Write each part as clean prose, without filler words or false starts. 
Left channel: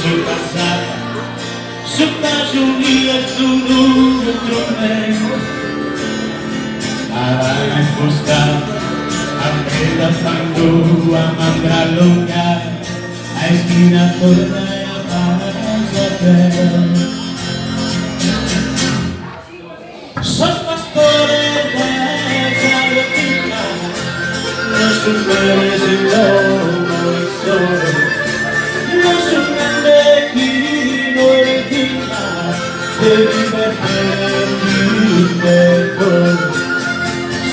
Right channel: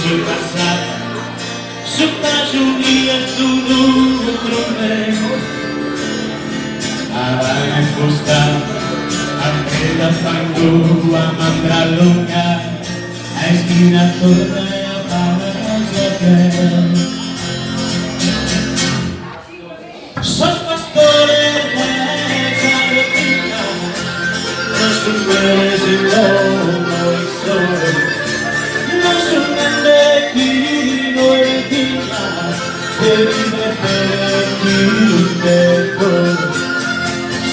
su passata, su Giulia, su Rome, avrai spostato a me da fango a manga lunga, hai spinato ormai a casa te. Soy pastore de Argentina, no supieres el lomo y sol, no suenan de vino y vina, de libertad.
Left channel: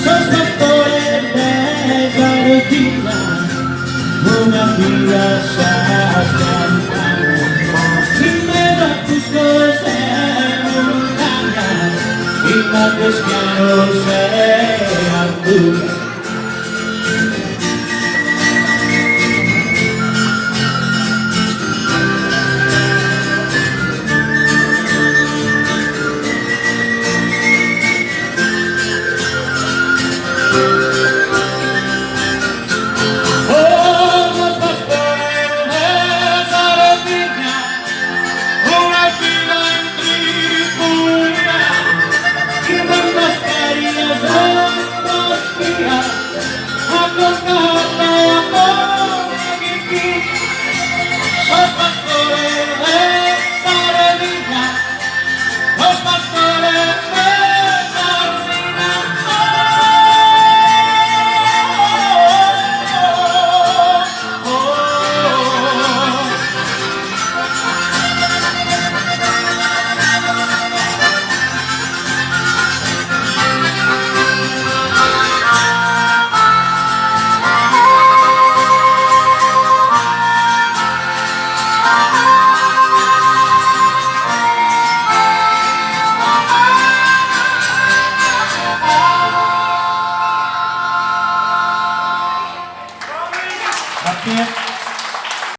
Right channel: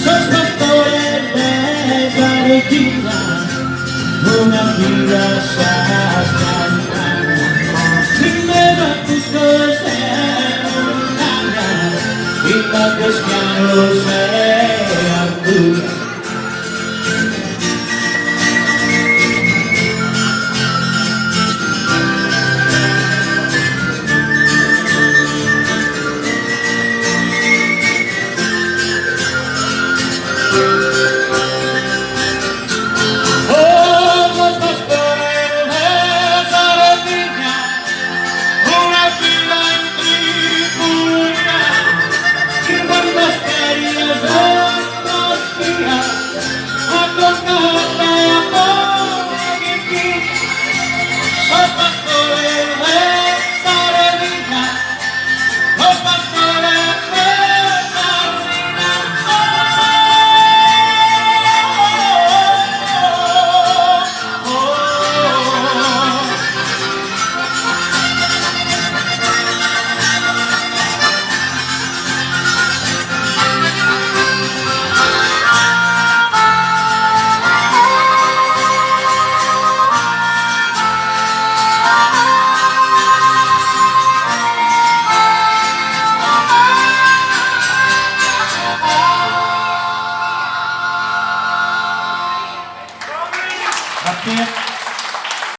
Soy pastore de Argentina, una vida santa, y lleva tus cosas. Y la pesca no se